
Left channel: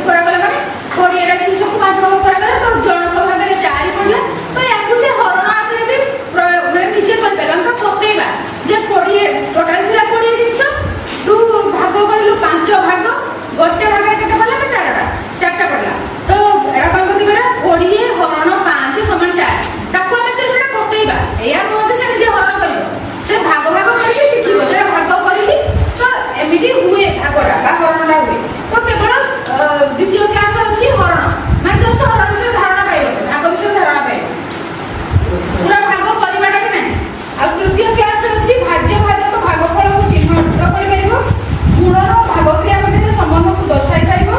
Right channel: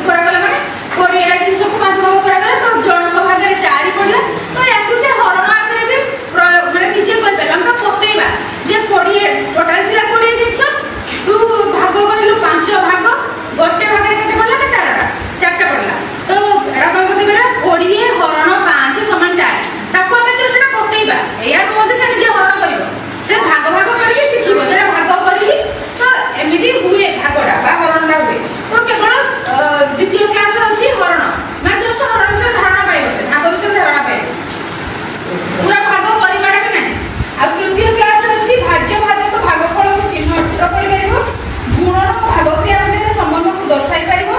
करा गला माने कोड़ीटा दिन सब पांच भाग करा गला तो जणक भाग रे चारि पडला तो याकु से हरण आकरे भी माने निचे कर पेला हम पतेबा जे कोड़ी टोटल दिला कोड़ी दिन तू भाग करिलु पांच भाग गोटे भाग रे केते पडला ना चारटा पडला तो एटा कहबो मेरा कोड़ी हरण समान चार ताको ଆମେ ଚେଷ୍ଟା ପକେଇବା ଏୟା ନୁହଁ ସେ ନିଜେ ହରଣ କରିବ ସେ ଭାଗ ଭାଗ କରିକି ଶିଖିବ ଯେଟା ଭାଗ କରିକି ତ ଏମିତି ହୁଏ ଭାଗଟା ବା ହରଣଟା ହୁଏ ତ କେବଳ ଦ୍ୱିତୀୟ କ୍ଲାସ ଅଛି ହରଣ ମାନେ ଜଷ୍ଟ ହରଣ ବିଷୟରେ ଧାରଣା ପାଇବ ସେ ଭାଗ ବିଷୟରେ ଧାରଣା ପାଇବ ପୁରା ଭାଗ କରିବାଟା ବି ନାହିଁ ଆଉ ତୃତୀୟ କ୍ଲାସ ଅଛି ଭାଜ୍ୟ ଭାଜକ ଭାଗଫଳକୁ ଚିହ୍ନଟ କରିପାରିବ ଗୁଣନ ଭାଗ କ୍ରିୟା ମଧ୍ୟରେ ସମ୍ବନ୍ଧକୁ ଦର୍ଶାଇ ପାରିବ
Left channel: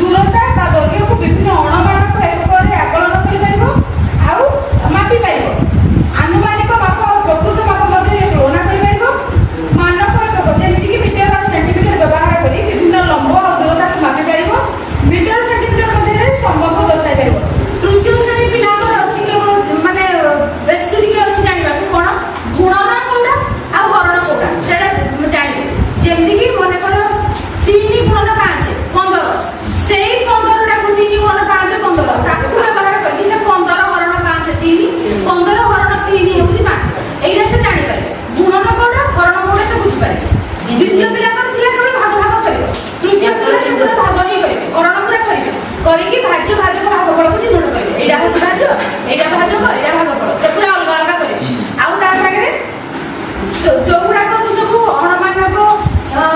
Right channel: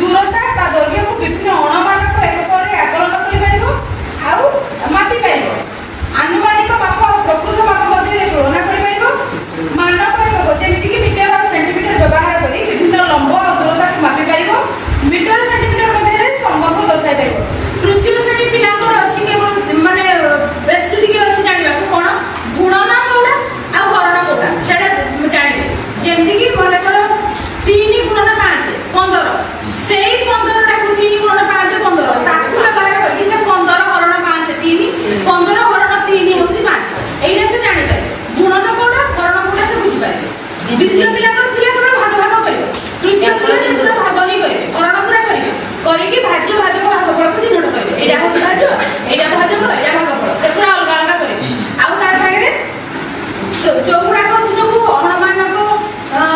ଦୂରତା ବା ଦୈର୍ଘ୍ୟକୁ ବିଭିନ୍ନ ଅଣମାନକ ଏକକରେ ଆକଳନ କରିପାରିବ ଆଉ ମାପି ପାରିବ ଆନୁମାନିକ ମାପ ଆଉ ପ୍ରକୃତ ମାପ ମଧ୍ୟରେ ତୁଳନା କରିପାରିବ ମାନକ ଏକକ ଯେମିତିକି ମିଟର ଆଉ ସେଣ୍ଟିମିଟର ବ୍ୟବହାର କରି ବିଭିନ୍ନ ଲମ୍ବ ଆଉ ଦୂରତାକୁ ମାପି ପାରିବ ମିଟର ସେଣ୍ଟିମିଟର ମଧ୍ୟରେ ସମ୍ବନ୍ଧ ଦର୍ଶାଇ ପାରିବ ତୃତୀୟ ଶ୍ରେଣୀ ପିଲାଙ୍କର ଅଛି କେବଳ ମାନେ ବେଶୀ ଟିକେ ଅଛି ଜାଣିବାକୁ କ'ଣ ଗୁଣନ କୋଉଟା ଆଉ ହରଣ କୋଉଟା ସେଇଟା ଜାଣିବେ ଯେମିତିକି ମନେକର 3 ଗୁଣନ 5 15 ସେଇ 15 ଟାକୁ 3 ଗୁଣନ 5 15 ତାକୁ ବ୍ୟବହାର କରିକି ସେ 15 ହରଣ 5 3 15 ହରଣ 3 ହେଉଛି 5 ଏଇଟା ସେ ଜାଣିପାରିବେ ଗୁଣନ କୋଉଟା ହରଣ କୋଉଟା ସେ ବୁଝିପାରିବେ ଦ୍ୱିତୀୟ ପିଲାଙ୍କର ପିଲା କେବଳ ଭାଗ ଭାଗ କରିବ ତୃତୀୟ ପିଲା ଯେତେବେଳେ ଭାଗ ହିଁ କରିବେ ହରଣ ପୁରା କରିବେ କରିକି ଭାଜ୍ୟ ଭାଜକ ଭାଗଫଳକୁ ଚିହ୍ନଟ କରିବେ ଏଇଟା ହେଉଛି ଭାଜ୍ୟ ଏଇଟା ଭାଜକ ଏଇଟା ଭାଗଫଳ ସେ ପୁରା ଅଲଗା ଅଲଗା କରିବେ ଆଉ ତା ସାଙ୍ଗରେ ଯୋଉଗୁଡାକ ଅଛି ସବୁ ଅଣମାନକ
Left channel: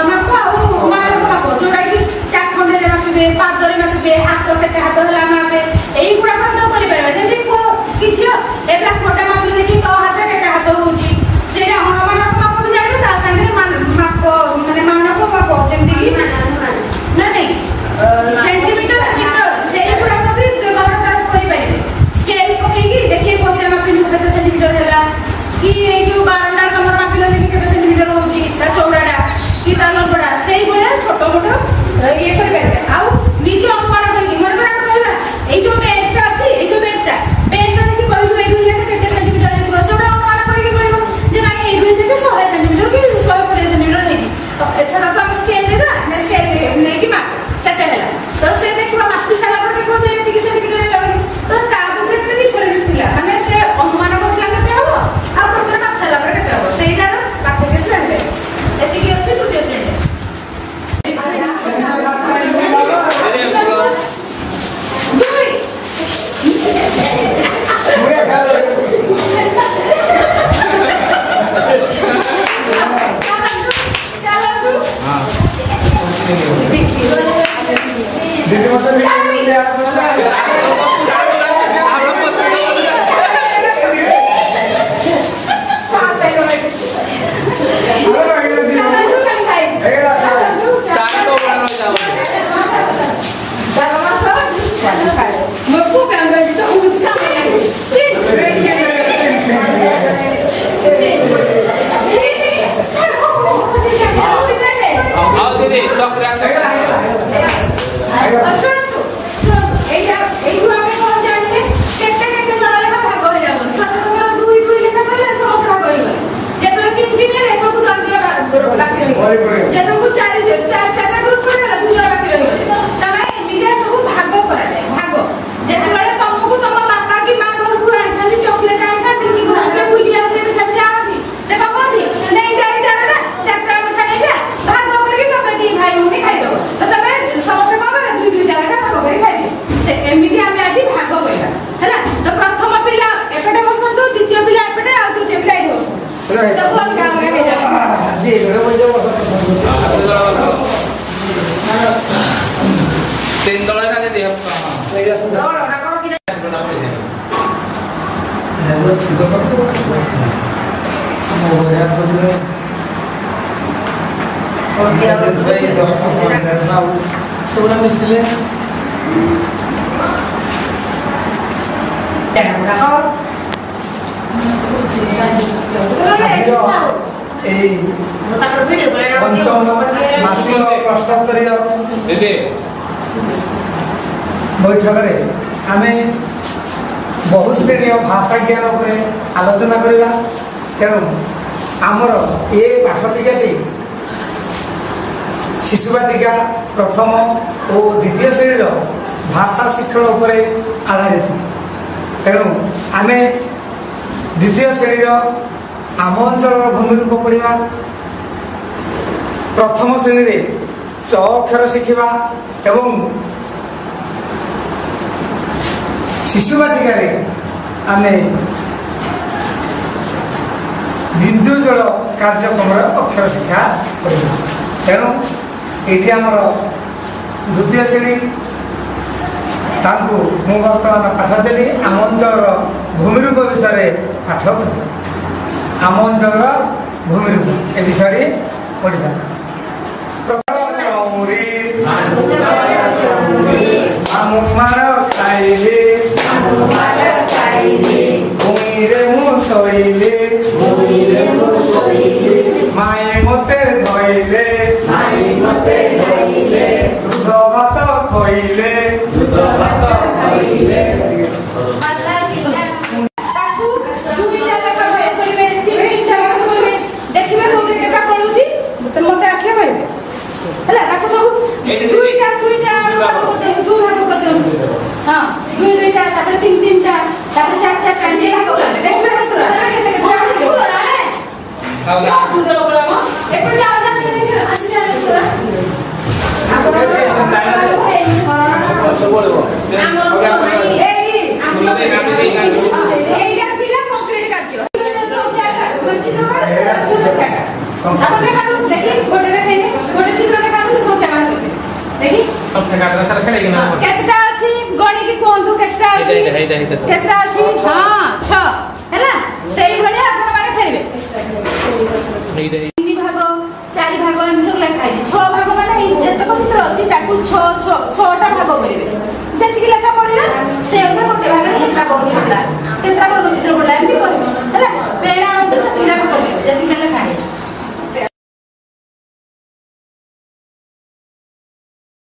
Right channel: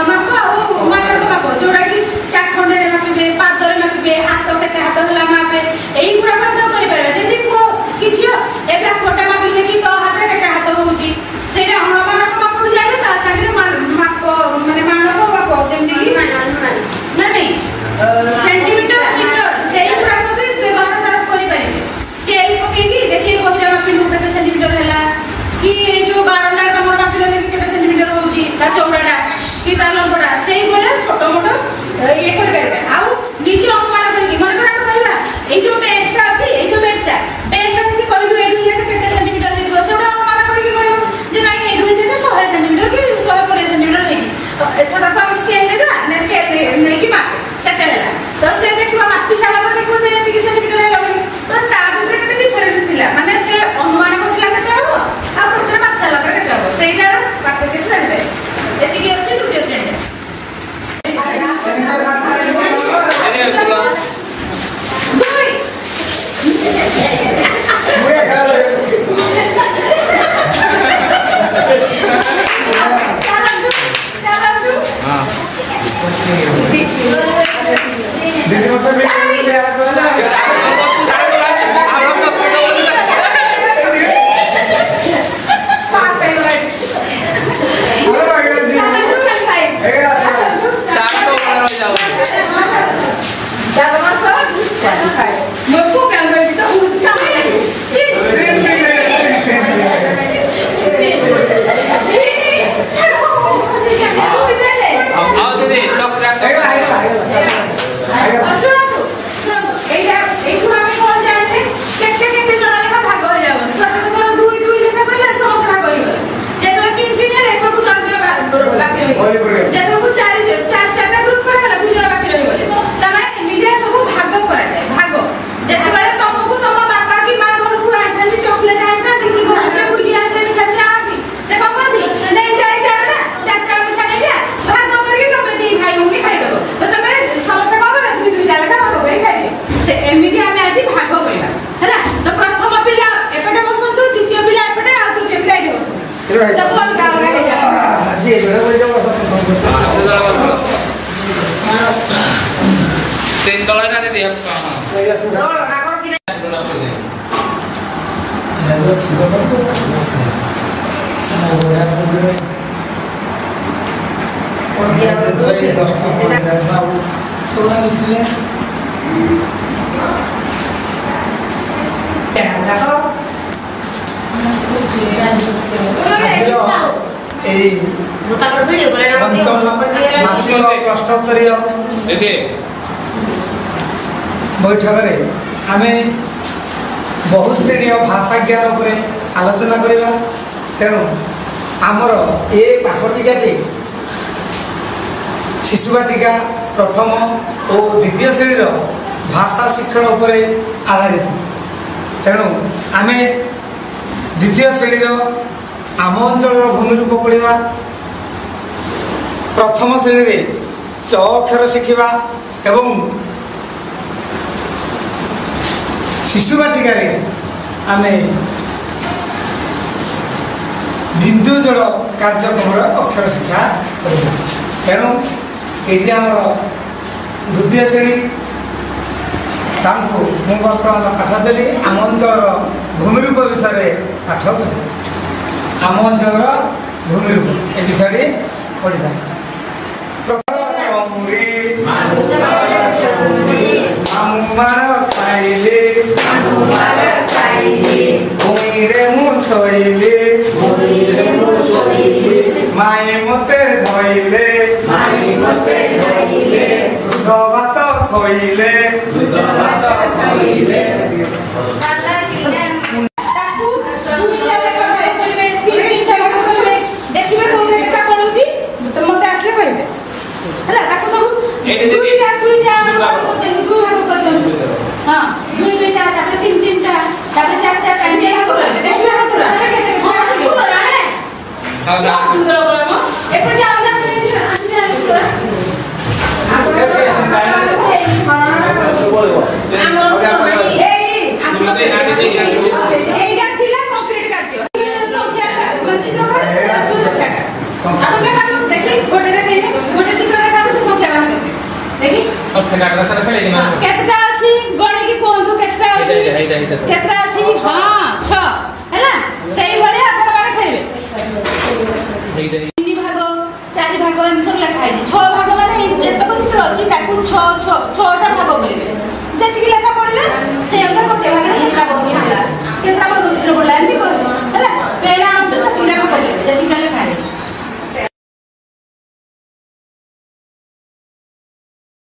ମାପ ଆଉ ମାନକ ମାପ ଯୋଉଟା କି ଚାଖଣ୍ଡରେ ମାପିବେ ପାଦରେ ମାପିବେ ହାତ କେତେ ହାତ ହେଲା ମାପେ ଏଇଗୁଡାକ ତ କରିପାରିବେ ଯେମିତି କିଛି ଏବେ ଫୋଟା ମାପିଲେ ଦେଖି ତ ହାତ କେତେ ହାତ ହଉଛି ସେଇଟା ଅଣମାନକ ମାପ ବି ଜାଣିବେ ତା ସାଙ୍ଗରେ ମାପ ମାନେ ମାନକ ମାପ ଯେମିତି କି ନାଇଁ ସେଣ୍ଟିମିଟର ମିଟର ସେଇଗୁଡାକ ବି ବ୍ୟବହାର କରିପାରିବେ ସ୍କେଲ ପକେଇକି ଦେଖିବେ ବହିଟା ମାପିଲୁ କେତେ ସେଣ୍ଟିମିଟର ହେଲା कि जो बारंदार कमर मापिले देखि केते सेंटीमीटर होउची ता चौड़ाटा कि ता लंबटा सेही भले छोटो मोटो ये कर परबे आउ नीचे अनुमान करके मन कर कहबा ए जो बेसटा अछि ए जो बेसटा देखि कहलु ए दुई केते सेंटीमीटर हेदिबो सेटा अनुमान करके कहबो जे नाही ए दुई जके 100 सेंटीमीटर कि 150 सेंटीमीटर हेजी एथा ताको हम स्केल देबा ने स्केल नै कि माप केते होला तो से देखबा मापी साला पर देखो जे एति सेंटीमीटर हे लगनी तो ता भितर केते डिफरेंस थिला माने से अनुमान करला केते हबो ସେଇଟାର ପାଠ କିଛି ଜାଣିବେ ଏତିକି ଅଛି ତୃତୀୟ ଶ୍ରେଣୀରେ এই তারপর ভিডিও করে না পঞ্চম মাসিক অষ্টাস্তরীয় বৈঠকରେ ଆମେ ବହୁସ୍ତରୀୟ ଭାଷା ଜ୍ଞାନ ଉପରେ ଆଲୋଚନା କରିବା। ତେଣୁ ଆମର ଏ ପାଠଟିକାଟି ଶିଶୁ ବାଟିକା ପ୍ରଥମ ଓ ଦ୍ୱିତୀୟ ଶ୍ରେଣୀର ଭାଷା ଶିକ୍ଷଣ ଉପରେ ଆଧାରିତ। ତେଣୁ ଆମେ ଦ୍ୱିତୀୟ ଶ୍ରେଣୀର ଆମ ଅଞ୍ଚଳର ଭୂମିରୂପ ପଢ଼ିବା। ପ୍ରଥମ ଶ୍ରେଣୀରେ ଚ ଅକ୍ଷର ଶିଖିବା ଏବଂ ଶିଶୁ ବାଟିକାରେ ଆମେ ବିନ୍ଦୁ ଜଳ କାର୍ଯ୍ୟକ୍ରମର ଅକ୍ଷର ଶିକ୍ଷା କରିବା। ତେଣୁ ଏଇଠି ଆମର ଦ୍ୱିତୀୟ ଶ୍ରେଣୀ ତାଙ୍କୁ ମୁଁ ବର୍ତ୍ତମାନ ପାଠ ଦେଲି ଆମ ଅଞ୍ଚଳର ଭୂମିରୂପ ବିଷୟରେ ପାଠ ଦେଲି। ଆମ ଅଞ୍ଚଳର ଭୂମିରୂପ ଏ ବିଷୟରେ ପଢ଼ିବା। ଭୂମିରେ ମୁଁ ଶୋଇଲି ମାଇ ମତେ ଧଇଲେ ଦୁଧ ଭାତ ଖୋଇଲେ ଦେଖିବେ କୋଉଥିରେ କେତେ ପଡୁଛି ମତେ ଆସିଲେ କହିବେ ହେଲା। ତାକୁ ସବୁ ଦୁଇଟା ଦୁଇ ଭାଗ କରିଦିଅନ୍ତୁ। ହଁ ଦୁଇଟା ତାପରେ ତିନିଟା ତାପରେ ଚାରିଟା ଏମିତି ଭାଗ କରିବେ। ଦେଖିବେ ଏପଟେ ଏଇଟା ଥିଲା କଂକ୍ରିଟ କାର୍ଯ୍ୟ। ଗୋଟେ ଚିତ୍ର ଦେଖାନ୍ତୁ ସେ ସଂଖ୍ୟା ବାହାର କରିବେ। ଦେଖି କେତେଟା ଅଛି ଗଣିକି କୁହନ୍ତୁ କେତେଟା ଅଛି କେତେଟା ଅଛି। ହଁ 6 ହେଲା। ସେଇଭଳିଆ ଆପଣ ମାନେ ଖେଳିବେ। 3 ଭାଗ 4 ଭାଗ ଏମିତି ସବୁ ଲେଖା ହେଇଛି। 6 ଭାଗ ମାନେ ଯେତକ ଚିତ୍ର ଅଛି ତାକୁ 6ଟା ଭାଗ କରିବେ। ଯେତିକି ଲେଖା ପଡିଲା ସେ ଅନୁସାରେ ଗୋଟେ ଭାଗରେ କେତେଟା ବନୁ ଚିତ୍ର ପଡିଲା ଏମିତି କରିବେ।